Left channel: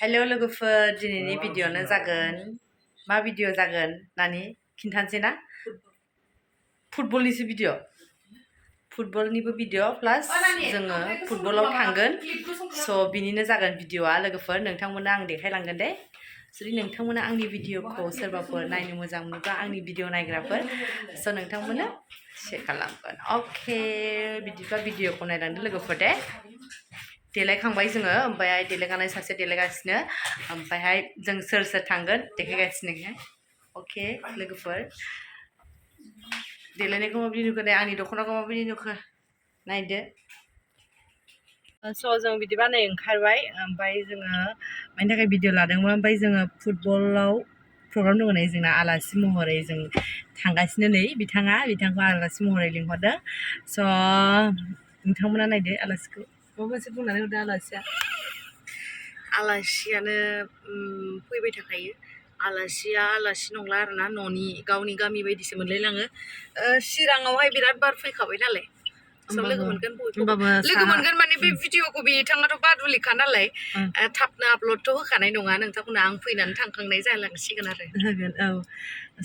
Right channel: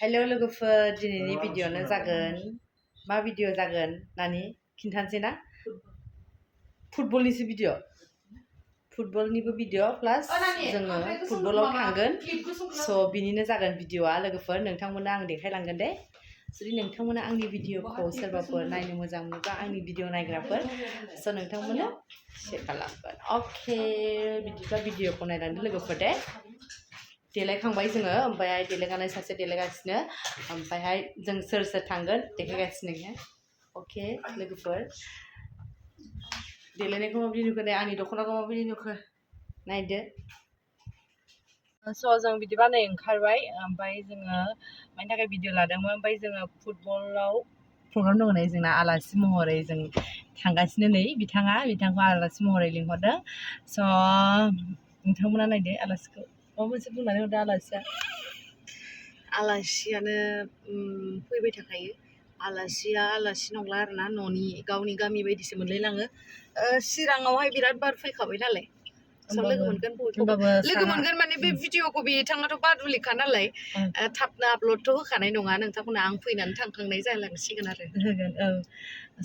हेल' लोगोफोर दिनैनि भिडिअ'नो जागोन मा भिडिअ जागोन नानि खिन्थानोसै ना फुटबलनिसो भिडिअ फुटबलनिबो भिडिअ प्लास जोङो फुटबलाव थांगोन स' बिनिनो जागोन भिडिअ'आ लोगोफोर नोंथांमोना आं देखायलांगोन दे जुदि नोंथांमोना आंनि भिडिअ'खौ सोरबाफोर नायनो मोजां मोनोबा आंनि भिडिअ नायग्राफोर स' नोंथांमोना शेयार खालामगोन अके बिदिबा भिडिअ'खौ नायलांदो लोगोफोर दे देलायखांबाय जोङो ओमफ्राय देलायगानाय सासे देलायगासिनो ओमफ्रायहाय जों सोर सोर थांगोन देखायगासिनो अके लोगोफोर देलायनायखौ माबायदि नुखो दे आंनि दख'नाखौ माबायदि नुखो नायदो स' जों बिदिबा नै ओंखारबाय ओमफ्राय जोङो मानि थाखाय भिडिअ लादोंमोन ओमफ्राय जोङो फुटबलाव प्रग्राम दङ नै जोंना आलासि महरै जों थांगासिनो नै बिथांखौ आलासि महरै लिंहरदों स' नोंथांमोना नायदो आलासिखौ माबा मोनसे बुंनानै हरदो आलासियानो फैबाय थाखायो आलासिया आलासि नंला आरोना न'नि गावनि गामि बायदिसो मोनलायलाङो चिराङावहाय बिराद बार फैखाबाय नालाय लोगो मोनगोन माने बे भिडिअखौ बिथाङाथ' बादुलिखा नालाय थाबनो आपल'डथ' होखानाय नङा नोंथांमोना आं फैनानै थांखांनाय जालांसिगोन आरो होगोन औ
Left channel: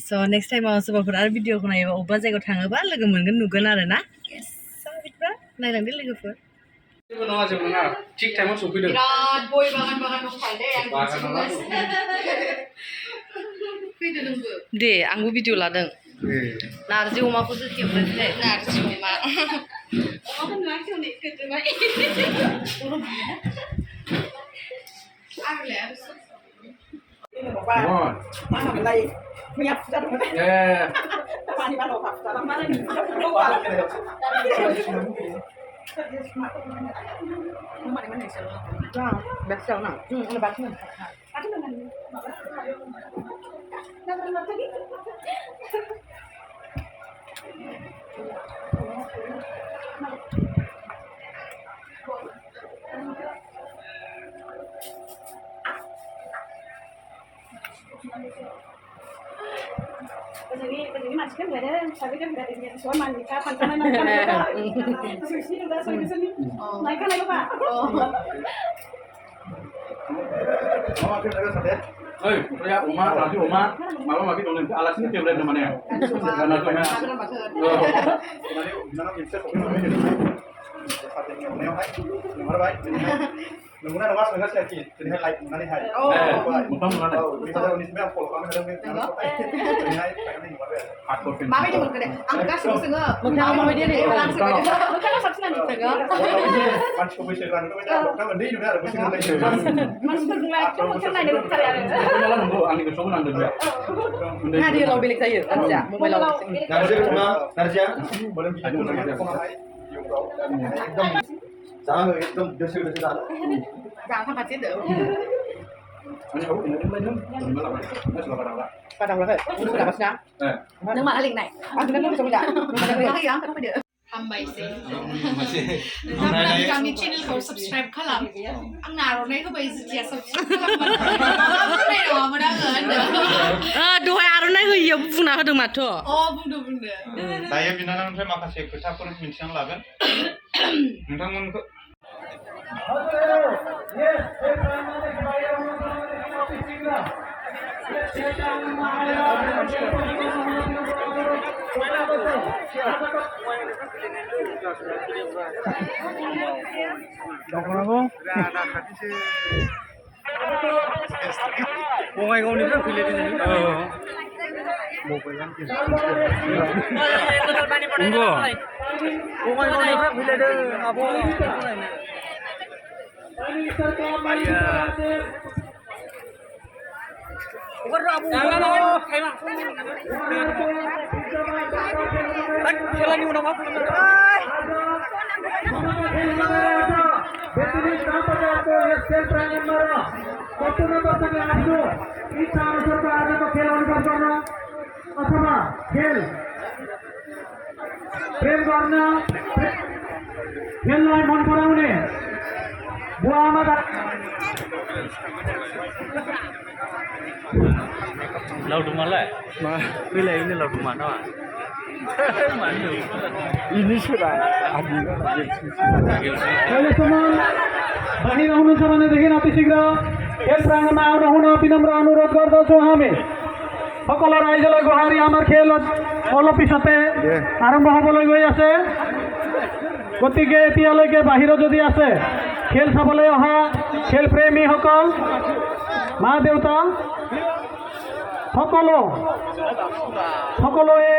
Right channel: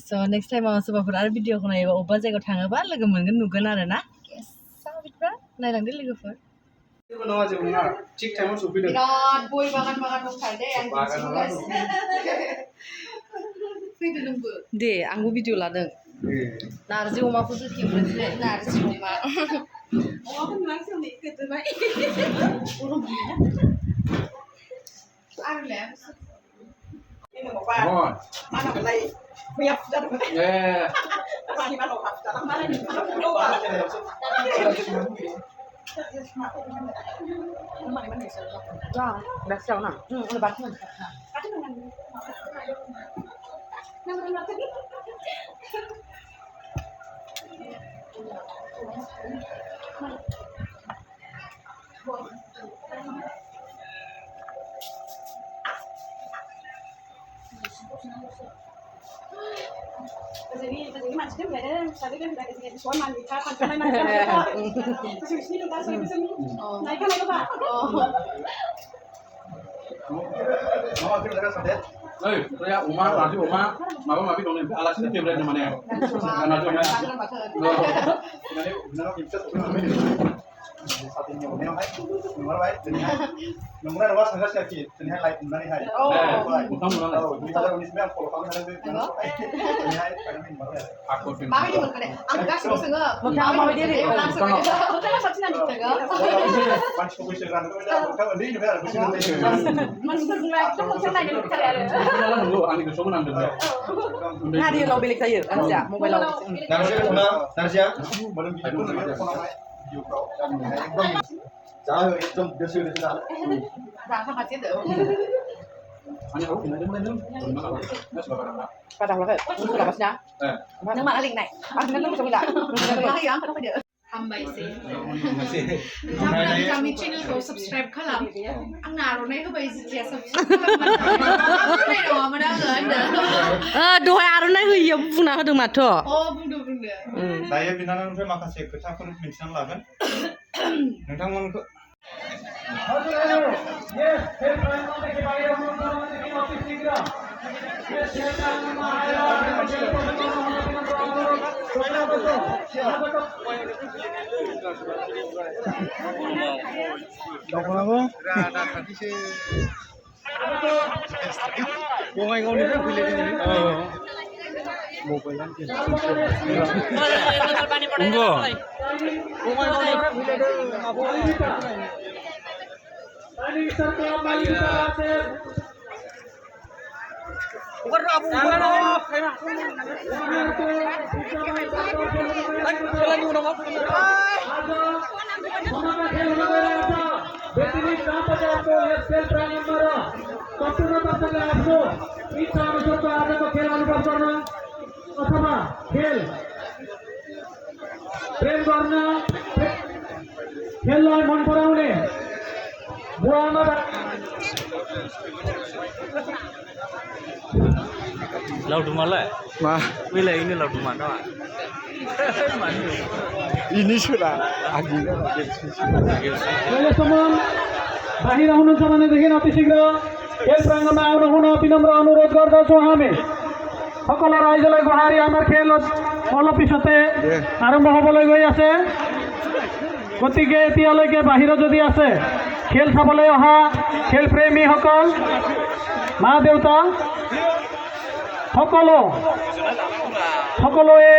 स' नेक्स्ट टाइमाव सोरबाफोर आरो भिडिअखौ नायोबा अबेबा जायगायाव थाङोबा लोगो मोनगोन नुगोन आरो ना बिदिबा नायलांदो लोगोफोर जेबो नङा थिग टाइमाव सफैदों बिराद गय बागान दंखायो दे आं फैदो नोंबो दे आंबो भिडिअ लादों नारजि अमाखौसो खेबनोसै नारजि अमा अमाखौ नुवाखै हनै गोदोबाय Mana belai punya putar Tapi mana haftar mana ni mana ni sel. Jangan, biasa nak. Lepas tu. Ada mana ni? Nak tadi. Begini macam ni ada, saya kan dari dia soal mandi kapan kena nak. Sushi tu dah sudah sini. Naik kan lagi pak. Mama kita dah sadar. Saya Uma, nanti Uma, mama mami dong nanti alasnya tiap hari mana? Mana tu mana? Nanti mana kita sokong Saat ini orang yang hai, nomor baik. Nomornya nomor setengah sekali, jadi hai mana hai. Oh, bukan mana? Misalnya ini sebenarnya kalau kami ada nomor baik, jadi hai pengen nomor baik. Aku pun. mami di mana? Angkat semua setengah. Bukan mami dia ni. Langsung aja. Bukan satu nanti setengah. Macam kau bisa kan? Kau macam ini juga ada mesti mulai. Masuk mulai. Cuma kan ada bicara ya. Jalan dulu, angin besok nang dulu. Nah dia lau bilik saya, aja. Mau lau. Narsia mana? Narsia? Belum gitu. Ekdom jangan ekdom desu dah. Jangan sampai situ. Ani aku ini belum. Mana sudah pada. Padang lah. Sudah pasnya. Nang mana link naik. Ah, kita nak coba dah. Lagi yang kenapa dia? हामबाय सै नोंथांमोना बिथांनि चेनेलखौ subscribe खालाम आं आर'नाइ होबाय जिथिया subscribe खालामबानो बुंनाय नङामोन आङो होनदों दहाय आर'नाइ होयियाव बुंना होदों माथो बुंदो दायो बिनानावनिफ्राय माखासे खोथाफोर मिथिनानै लागोन नोंथांमोनखौ दख'नाखौ बङाइगावनिफ्राय फैलायदों मबाइलानो नंगौ बङाइगावनिफ्राय फैलायदों आब' Laudumalah, wilayah ini Laudumana. Mana? Ini sudah. Adi kan lagi. Oleh teman बाहिर हुनुहुन्छ भनेदेखि अति शीघ्र खेल प्राङ्गणमा आउन हुन विनम्र अनुरोध गर्दछौँ हामी সকলো ৰাইজলৈ গোহাৰি আমাৰ খেল অলপ পিছতে আৰম্ভ হ'বলৈ গৈ আছে গতিকে এতিয়ালৈকে বাহিৰত যদি আছে খেল চাবলৈ অহা খেল প্ৰেমীসকল মা দেউতা সকলোৱে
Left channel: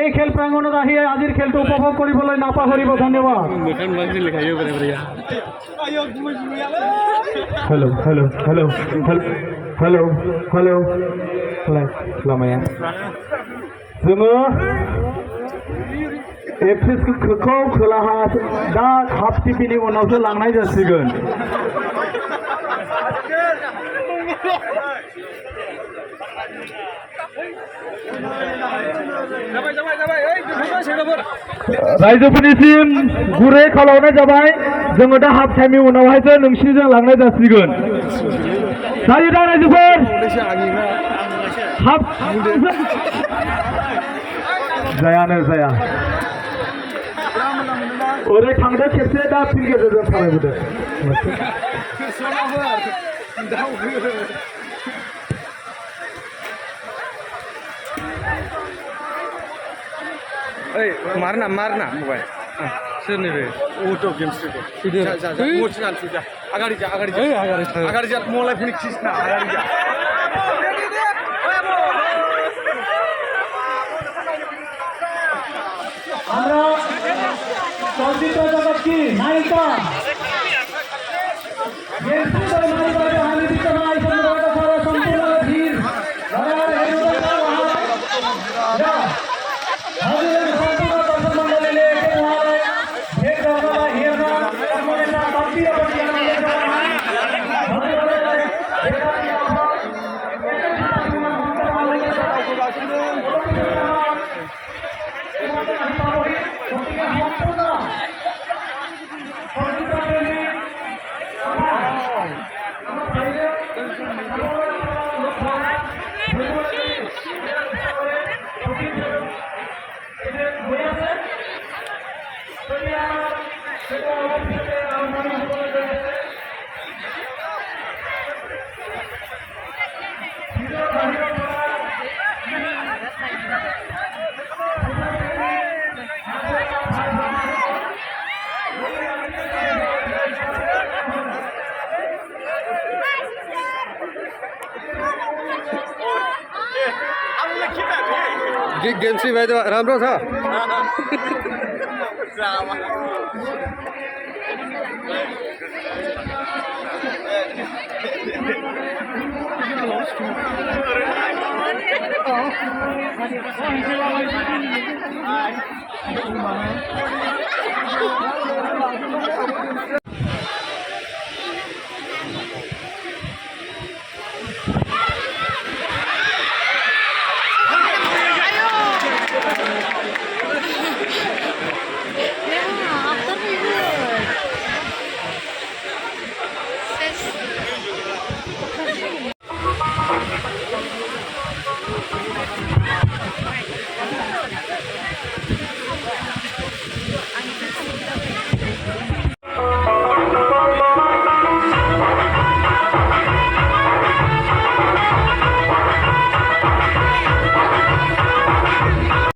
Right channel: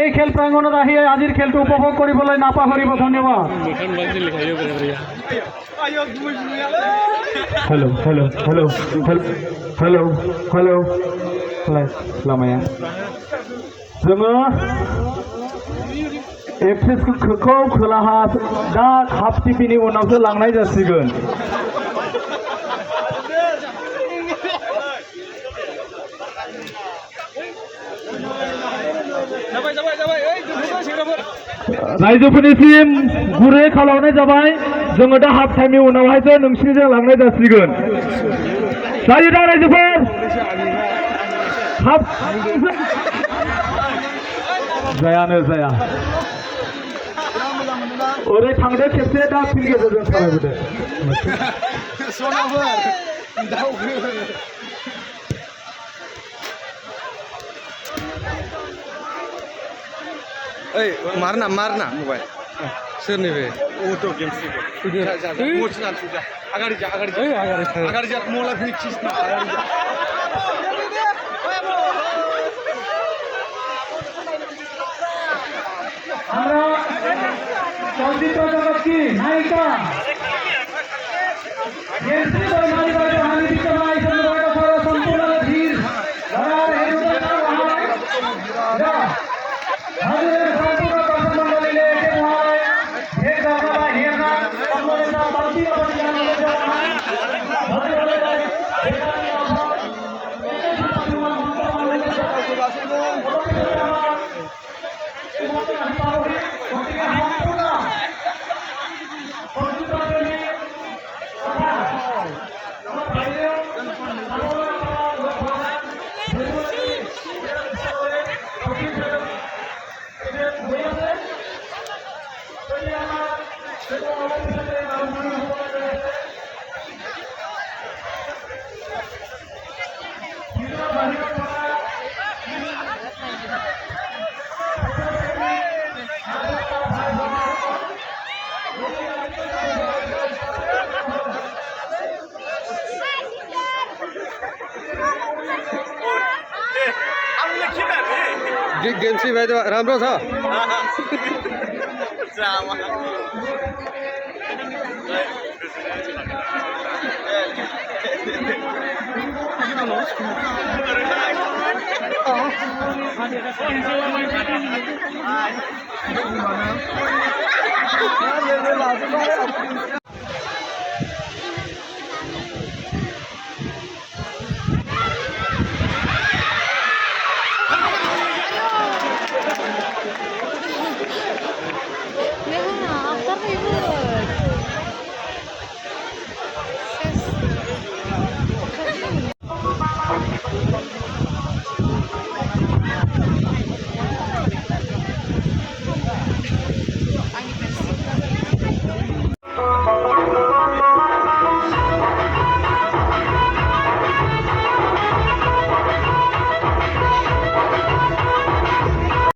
এই খেল প্ৰাংগণত আহি আজিৰ খেলটো উপভোগ কৰিবলৈ নাপাহৰিব ধন্যবাদ hello hello hello hello hello लामाया जोङो एक्सेसखौ खोलाहा दा हाफ टिपिनि उनावसो लांनाय जासिगोन रायजोफोरनिसिम गुरै खावलायनाय जाबाय जोङो दा हाफ टाइमनि उनावहायसो नोंसिनिजों लांनाय जासिगोन जायो दा रायजोफोर हाफ जायानो जाया ओरै थांदो खेबसे दा फिन गेजेरजों सालायबोदो ओइ मारना मबाइल सोरनि बे अट' गेम्स आगारि जा मलाई पनि कृष्ण आगारि जा আমরা চলচ্চিত্র জগৎ কি নায়িকা সম্পূর্ণ ধীর गेम चाहिँ भाइ त राम्रो छ